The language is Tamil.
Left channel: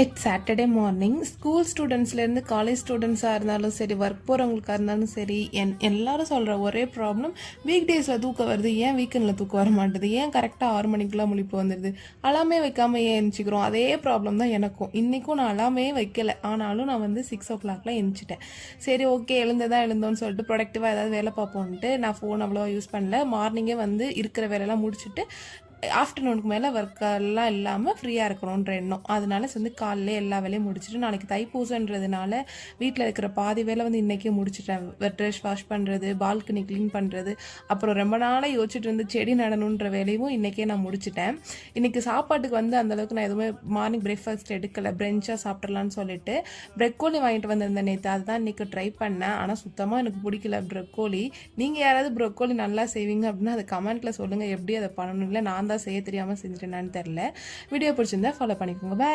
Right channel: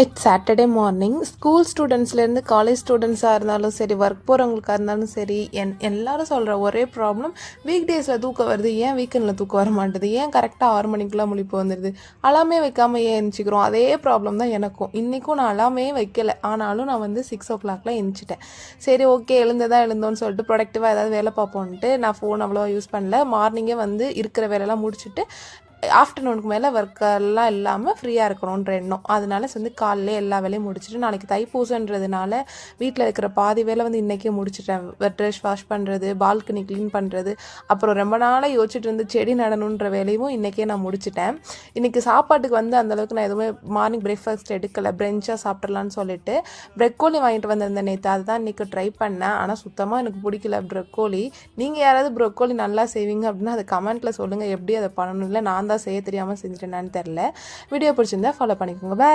It's Saturday morning. ஸ்கூல் ஸ்டூடெண்ட்ஸ்லேருந்து காலேஜ் ஸ்டூடெண்ட்ஸாக இருந்தாலும் சரி, ஒர்க் போகிறவங்களுக்காக இருந்தாலும் சரி, எல்லாரும் சொல்கிற ஒரே ப்ராப்ளம், வீக் டேஸில் தூக்கம் வருது, ஏன் வீக்கெண்டில் தூக்கம் வர மாட்டுது, ஏன் கரெக்டாக 6 மணிக்கெலாம் முழிப்பு வந்துடுது, அலாமே வைக்காமல் ஏன் எழுந்திரிக்கிறோம். அதே ப்ராப்ளம் தான் எனக்கும். இன்றைக்கும் நான் அலாமே வைக்கலை, ஆனாலும் நான் வந்து 6 o'clock எழுந்திரிச்சிட்டேன். சரி, ஓகே, எழுந்தோன்னு சொல்லிட்டு ப்ரொடக்டிவாக ஏதாவது வேலை பார்ப்போன்ட்டு நான் ஃபோன் அவ்வளோவா யூஸ் பண்ணல. மார்னிங்கே வந்து இருக்கிற வேலையெல்லாம் முடிச்சுட்டு ஆஃப்டர்நூனுக்கு மேலே ஒர்க்கெல்லாம் இல்லாமல் ஃப்ரீயாக இருக்கணுன்ற எண்ணம். அதனால வந்து காலையிலே எல்லா வேலையும் முடிச்சுட்டு, நாளைக்கு தைப்பூசன்றதுனால வீட்டில் இருக்கிற பாதி வேலை வந்து இன்றைக்கே முடிச்சுட்டேன். ட்ரெஸ் வாஷ் பண்ணுறது, பால்கனி க்ளீன் பண்ணுறது, அப்புறம் ரொம்ப நாளாக யோசிச்சுட்டு இருந்து செடி நடணுன்ற வேலையும் இன்றைக்கே நான் முடிச்சிட்டேன். இன்றைக்கி சாப்பாட்டுக்கு வந்து அந்தளவுக்கு நான் எதுவுமே மார்னிங் பிரேக்ஃபாஸ்ட் எடுக்கலை, பிரெஞ்சாக சாப்பிட்றலான்னு சொல்லிட்டு ப்ரெக்கோலி வாங்கிட்டு வந்திருந்தேன் நேற்று. அதுதான் இன்றைக்கி ட்ரை பண்ணேன். ஆனால் சுத்தமாக எனக்கு பிடிக்கல ப்ரெக்கோலி. நீங்கள் யாராவது ப்ரெக்கோலி நல்லா செய்வீங்க அப்படின்னா அதை கமெண்ட்டில் சொல்லுங்கள், எப்படி அதை பண்ணணும். இல்லை நான் தான் செய்ய தெரியாமல் செஞ்சுட்டேனான்னு தெரில. வீடியோ பிடிச்சிருந்தா ஃபாலோ பண்ணிக்கோங்க. பாய்.